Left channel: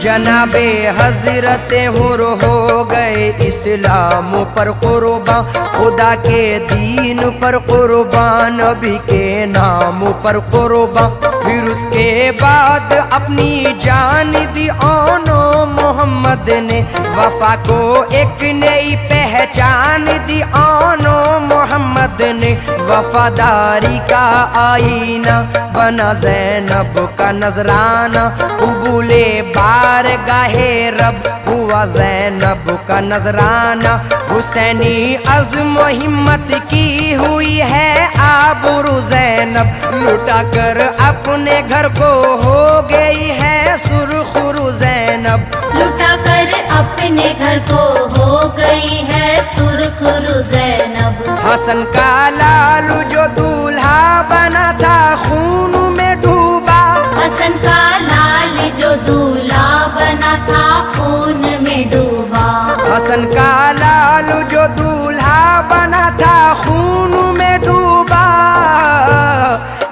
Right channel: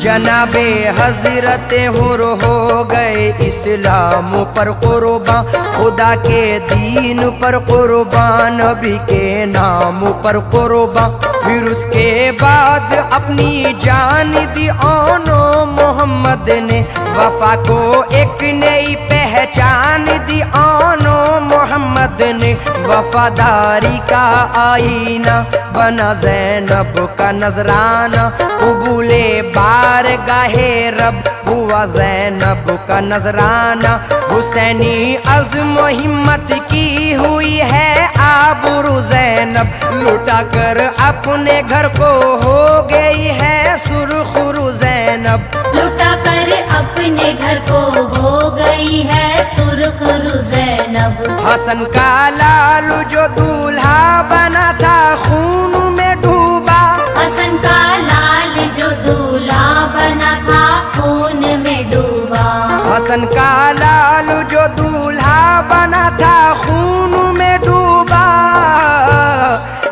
جناب حضرت حر ہو گئے اسلام پر قربان، خدا کے دین پر قربان، نبی کے نام پر قربان، پھر اس کے بعد اپنی جان دی آنو محمد نے، وفا کو ایک نئی پہچان دی آنو محمد نے، وفاداری کا آئینہ بنا زینب کا نذرانہ، قبول بارگاہ رب ہوا زینب کا نذرانہ، حسینی عزم و ہمت کی ہوئی ہے آبرو زینب، لٹا کر اپنے گھر کو ہو گئی ہے سرخرو زینب، لٹا کر اپنے گھر کو ہو گئی ہے سرخرو زینب، حسن کا لال جو دولہا بنا تھا خون میں ڈوبا، حسن کا لال جو دولہا بنا تھا خون میں ڈوبا، حسن کا لال جو دولہا بنا تھا خون میں ڈوبا،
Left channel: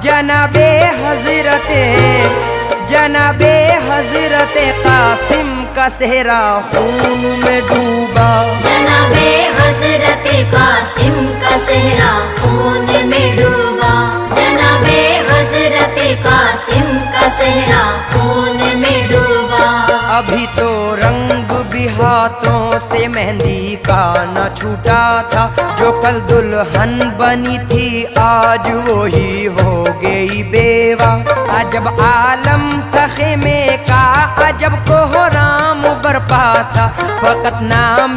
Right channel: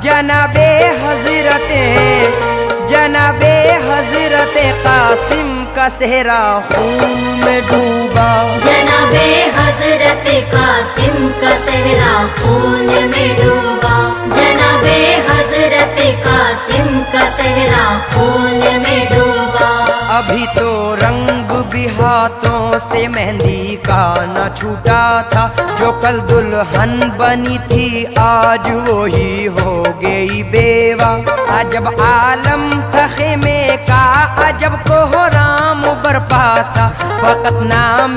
جناب حضرت قاسم کا صحرا خون میں ڈوبا، جناب حضرت قاسم کا صحرا خون میں ڈوبا، جناب حضرت قاسم کا صحرا خون میں ڈوبا، ابھی تو رنگ بھی ہاتھوں سے مہندی کا نہ چھوٹا تھا، جو کل دلہن بنی تھی آج وہی ہو گئی بیوہ، عجب عالم تھا خیمے کا، عجب کوہرام برپا تھا، فقط نام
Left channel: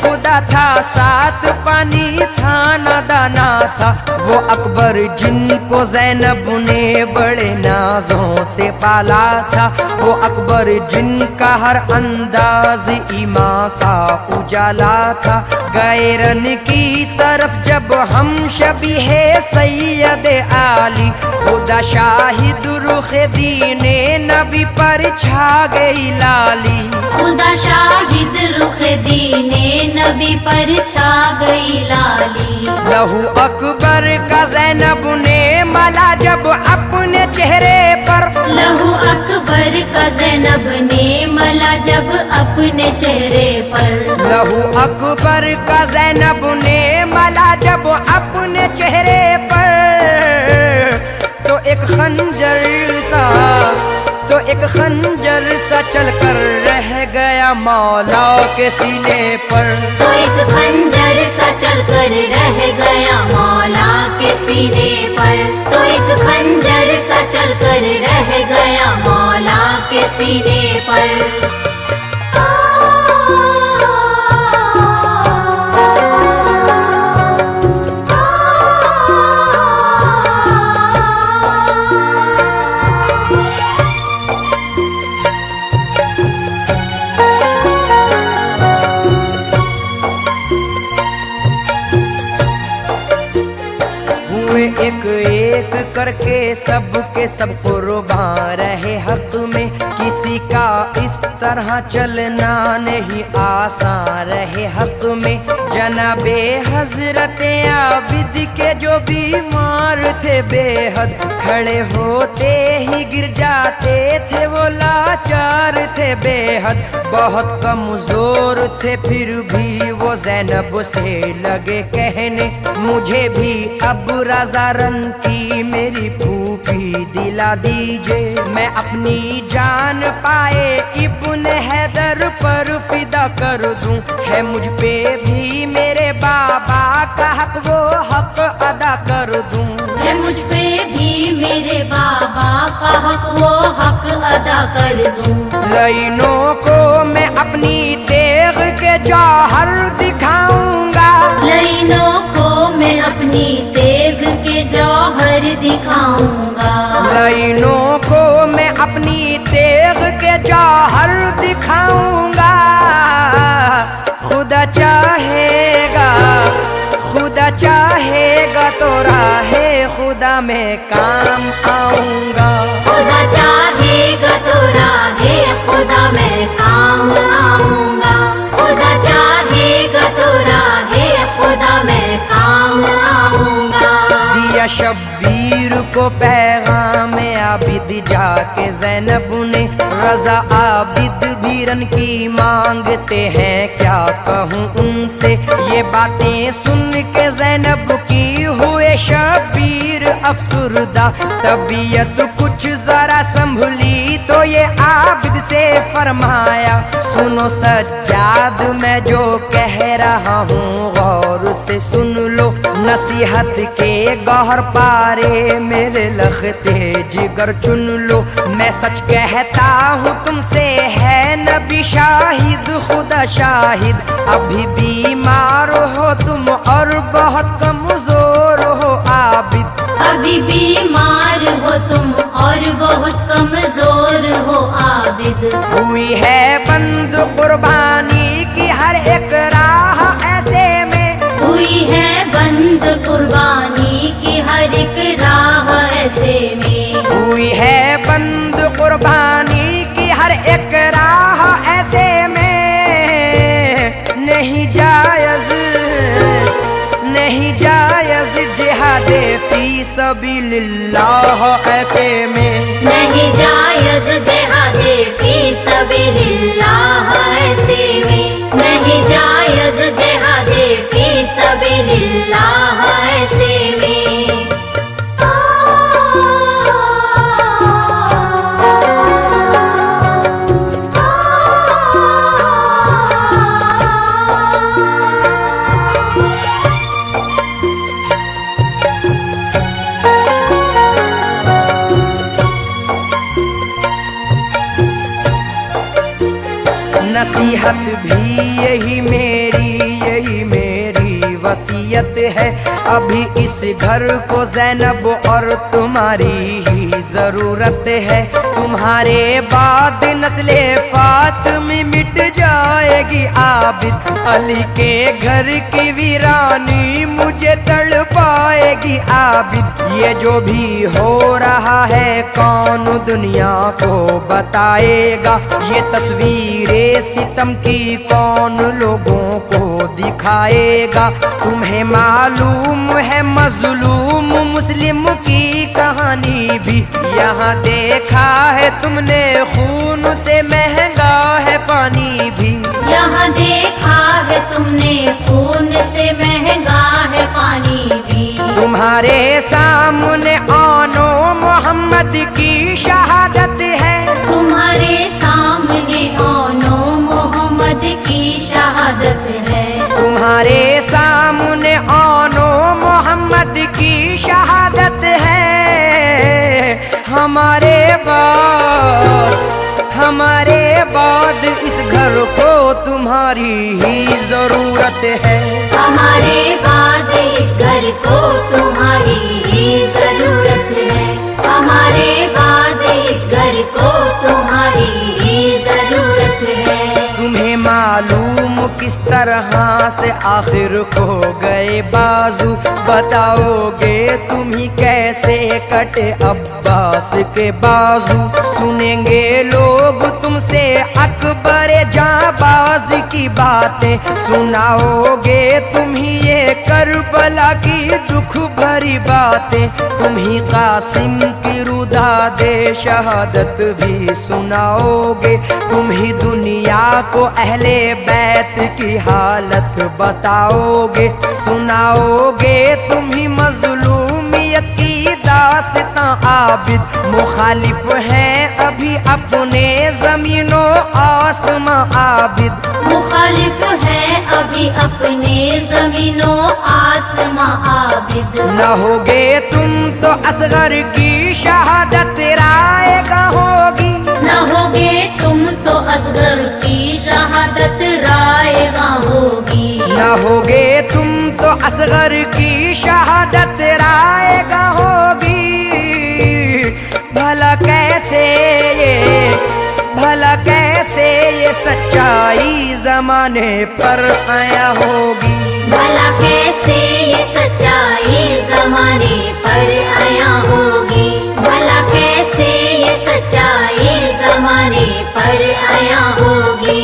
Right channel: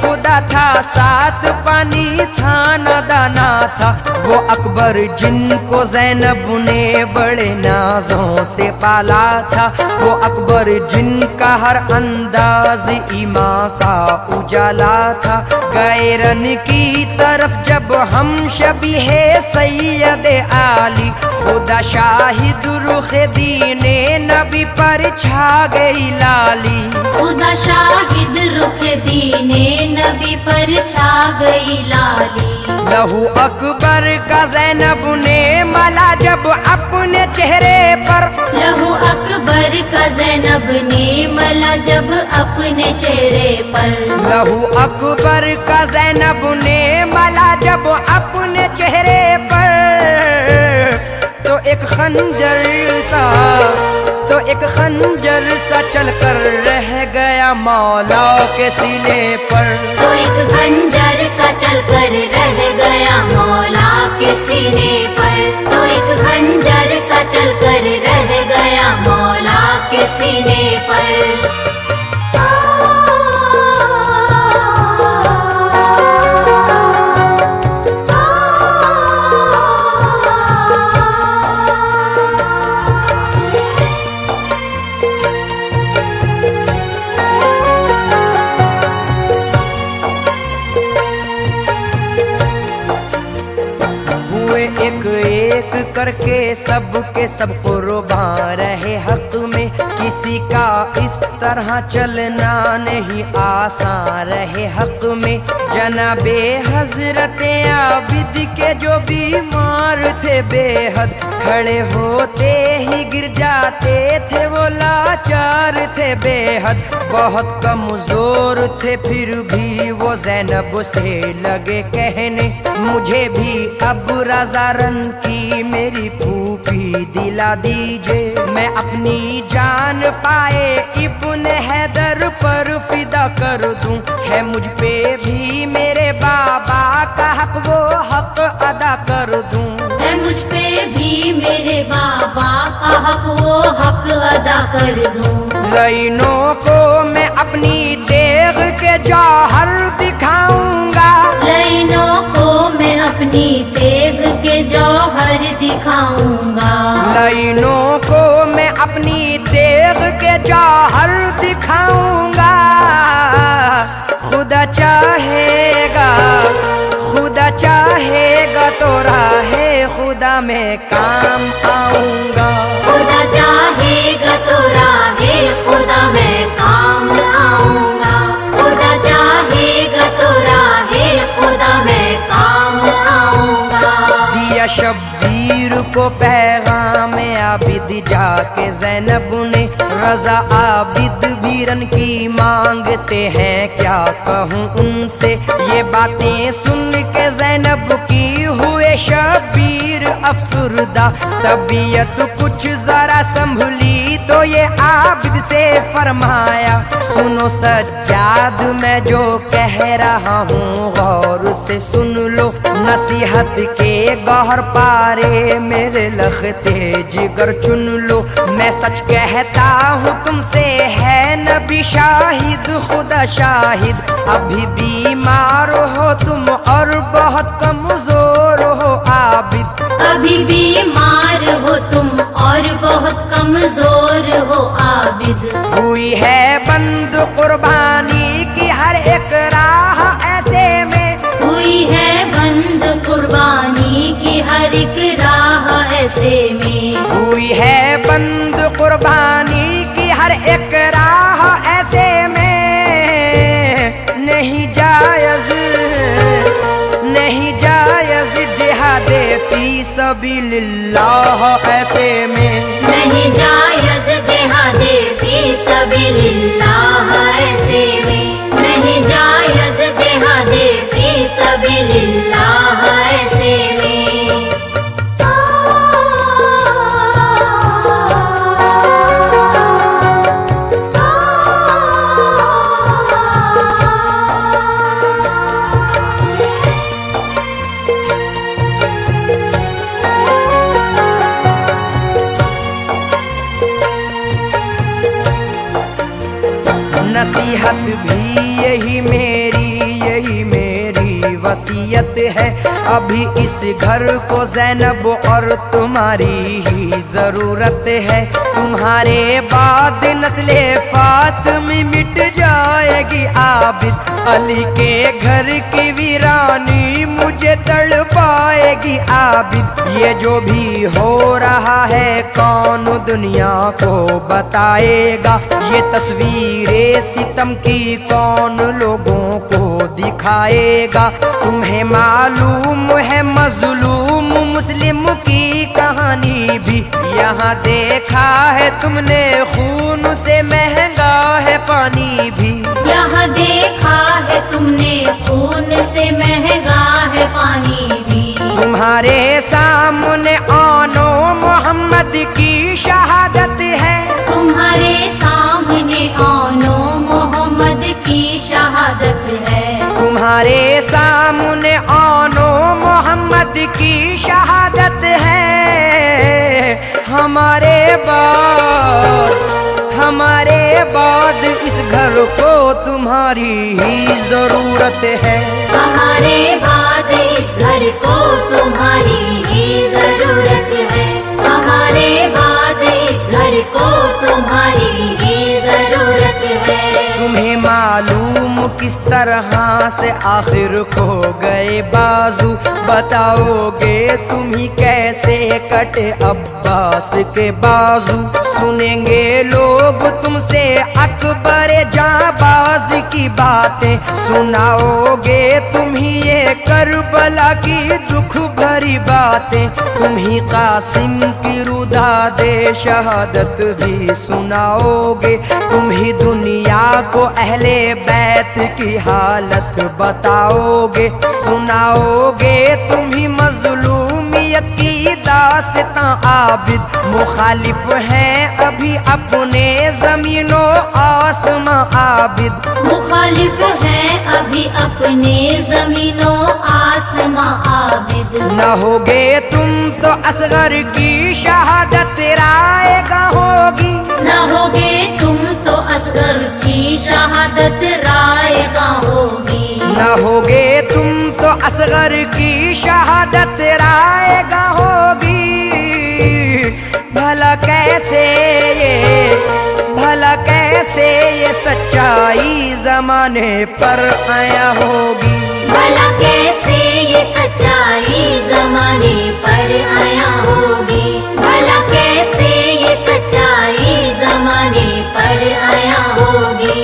خدا تھا، ساتھ پانی تھا نہ دانا تھا، وہ اکبر جن کو زینب نے بڑے نازوں سے پالا تھا، وہ اکبر جن کا ہر انداز ایمان کا اجالا تھا، گئے رن کی طرف جب ہم شبیہ سید عالی، خدا شاہد رخ دین نبی پر چھا گئی لالی، خدا شاہد رخ دین نبی پر چھا گئی لالی، لہو اکبر کا زینب نے ملا جب اپنے چہرے پر، لہو اکبر کا زینب نے ملا جب اپنے چہرے پر، لہو اکبر کا زینب نے ملا جب اپنے چہرے پر، تو ایک خنجر سا چل کر رہ گیا مولا کے سینے پر، تو ایک خنجر سا چل کر رہ گیا مولا کے سینے پر، تو ایک خنجر سا چل کر رہ گیا مولا کے سینے پر، ایک ایک کر کے سب کے سب قربان رہے حق میں، کسی کا اس طرح چلنا نہیں آسان رہے حق میں، جناب حضرت عابد کے جو بیمار تھے بے حد، کھڑے ہوتے ہی گر جاتے تھے وہ لاچار تھے بے حد، بہت کمزور تھے پھر بھی وہ زینب سے لگے کہنے، مجھے بھی اب رضا رن کی میری پھوپھی دلا دیجے، میں اپنی جان پائے ابن حیدر پر فدا کر دوں، ہے مجھ پہ بھی میرے بابا کا حق وہ حق ادا کر دوں، ہے مجھ پہ بھی میرے بابا کا حق وہ حق ادا کر دوں، لائنوں کو میں اپنی تیغ کے جوہر دکھاؤں گا، لائنوں کو میں اپنی تیغ کے جوہر دکھاؤں گا، لائنوں کو میں اپنی تیغ کے جوہر دکھاؤں گا، خدا چاہے گا تو راہ خدا میں کام آؤں گا، خدا چاہے گا تو راہ خدا میں کام آؤں گا، خدا چاہے گا تو راہ خدا میں کام آؤں گا، دیا شبیر کو پیغام आबिद जाके ज़ैनब ने रज़ा आबिद भी रन की मांगते हैं, क्या कहूँ उनसे ये बातें सुन के ज़ैनब की हुए शबीर अफसुरदा। तबीयत कुछ जरा संभली तो ये आबिद से फरमाया, सुनो सज्जाद मैं जो कह रहा हूँ गौर से सुन लो, नसीहत के गौहर पारे मेरे लखते जिगर चुन लो। मैं सच कहता हूँ तुमसे है नबी शाहिद खुदा शाहिद, अभी बीमार हो तुम और बहुत कमजोर हो आबिद। अभी बीमार हो तुम और बहुत कमजोर हो आबिद। हुई है बंद कुर्बानी की हर एक राह ऐसे में, हुई है बंद कुर्बानी की हर एक राह ऐसे में। हुई है बंद कुर्बानी की हर एक राह ऐसे में। नहीं जायज़ नहीं जायज़ जिहादे फी सबीलिल्लाह ऐसे में। नहीं जायज़ जिहादे फी सबीलिल्लाह ऐसे में। नहीं जायज़ जिहादे फी सबीलिल्लाह ऐसे में। नसीहत भी यही मेरी वसीयत है, अभी इस घर को ज़ैनब और तुम्हारी ही ज़रूरत है। तुम्हारे बाद नस्ले फातिमी मिट जाएगी आबिद, अली के घर की वीरानी मुझे तड़पाएगी आबिद। ये जो भी हो रहा है कौन दुनिया को बताएगा, ये तस्वीरें सितम की कौन लोगों को दिखाएगा। तुम्हें मालूम है मजलूम मुस्लिम की कहानी भी, यहाँ देखा है तुमने खून से महंगा है पानी भी। यहाँ देखा है तुमने खून से महंगा है पानी भी। तुम्हारे सामने आनो मोहम्मद की शहादत है, तुम्हारे सामने आनो मोहम्मद की शहादत है। तुम्हारे सामने आनो मोहम्मद की शहादत है। हमारे बाद इस घर को तुम्हारी ही जरूरत है। हमारे बाद इस घर को तुम्हारी ही जरूरत है। हमारे बाद इस घर को तुम्हारी ही जरूरत है। तुम्हें मालूम किस तरह से आखिर खो गए बाजू, बताओगे तुम ही कैसे कटे अब्बास के बाजू। सुनेंगे लोग तुमसे अकबर जाबाज की बातें, सुनाओगे तुम ही ये करबला की दुख भरी बातें। तुम ही कासिम की रुदा दे शहादत भी सुनाओगे, तुम ही दुनिया को अहले बैत की हालत बताओगे। सुनाओगे तुम ही मजलूमियत की दास्तां आबिद, मुखालिफ हैं अभी अपने ज़मीनों आसमां आबिद। मुखालिफ हैं अभी अपने ज़मीनों आसमां आबिद। न होगे तुम तो असगर की शहादत रायगा होगी, न होगे तुम तो असगर की शहादत रायगा होगी। न होगे तुम तो असगर की शहादत रायगा होगी। भला कैसे ये सच्चाई ज़माने पर आया होगी। भला कैसे ये सच्चाई ज़माने पर आया होगी। भला कैसे ये सच्चाई ज़माने पर आया होगी।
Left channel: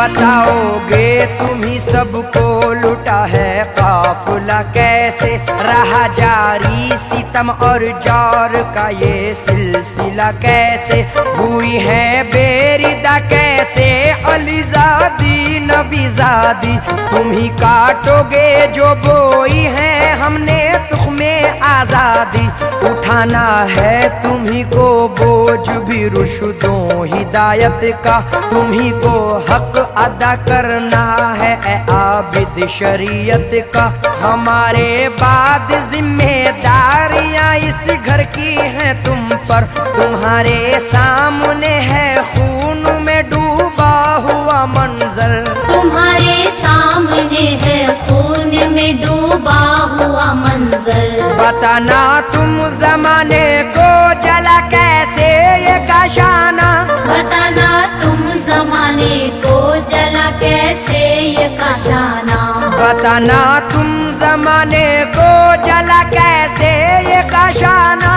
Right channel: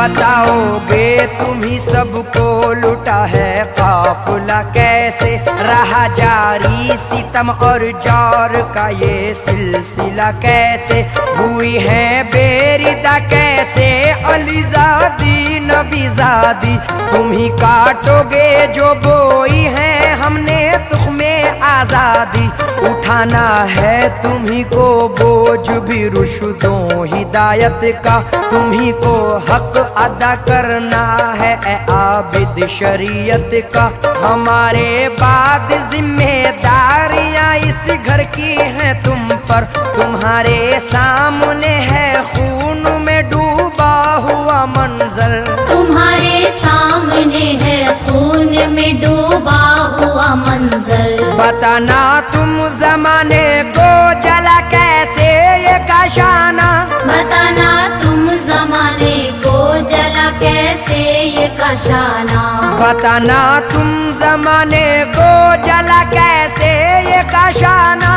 बताओगे तुम ही सबको लुटा है काफिला कैसे, रहा जारी सितम और जार का ये सिलसिला कैसे, हुई है बेरिदा कैसे अलीजादी नबीजादी, तुम ही काटोगे जो बोई है हमने तुख्मे आजादी, उठाना है तुम ही को बोझ भी रुशदों हिदायत का, तुम ही को हक अदा करना है ए आबिद शरीयत का, हमारे बाद जिम्मेदारियां इस घर की हैं तुम पर, तुम्हारे सामने है खून में डूबा हुआ मंजर, तुम्हारे सामने है खून में डूबा हुआ मंजर, बताना तुम जमाने को जला कैसे ये काशाना, बताना तुम जमाने को जला कैसे ये काशाना, बताना तुम जमाने को जला कैसे ये काशाना,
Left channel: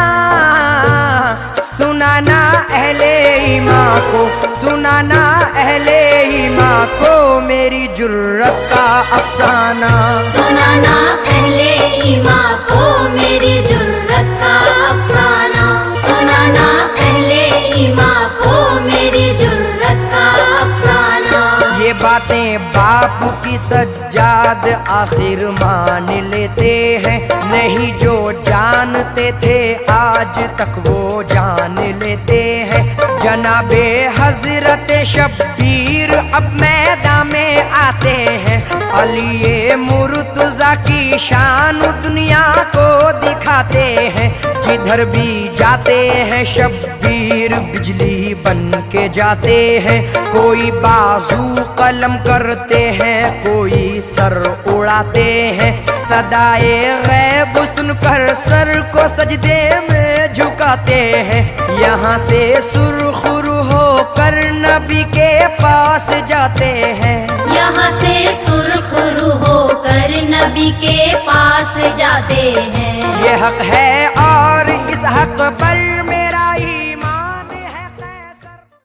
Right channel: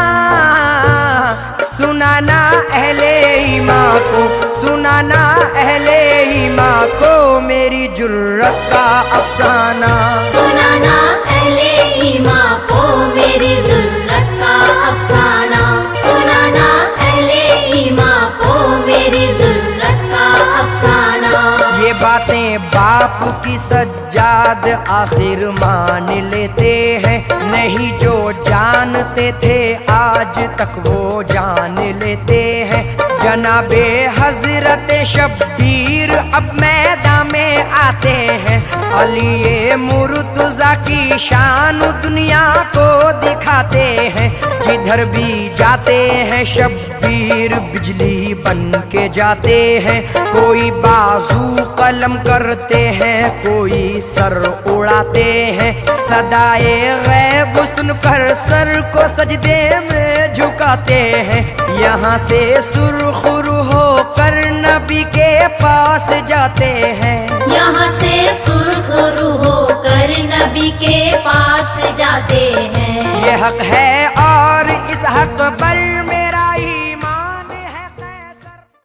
सुनाना अहले ईमान को, सुनाना अहले ईमान को मेरी जुर्रत का अफसाना, सुनाना अहले ईमान को मेरी जुर्रत का अफसाना, सुनाना अहले ईमान को मेरी जुर्रत का अफसाना। ये बातें बाप की सज्जाद आखिर मान लेते हैं, नहीं जो जानते थे आज तक वो जान लेते हैं, जनाबे हजरत शब्बीर अब मैदान में आते हैं, अली मुर्तज़ा की शान दुनिया को दिखाते हैं, जिधर भी जाते हैं शब्बीर बिजली बन के जाते हैं, कोई बाजू कलम करते हैं कोई सर उड़ाते हैं, सदाए गैब सुनकर सर को सजदे में झुकाते हैं, यहाँ से सुरखुरु होकर नबी के पास जाते हैं, यहाँ से सुरखुरु होकर नबी के पास जाते हैं, ये हक है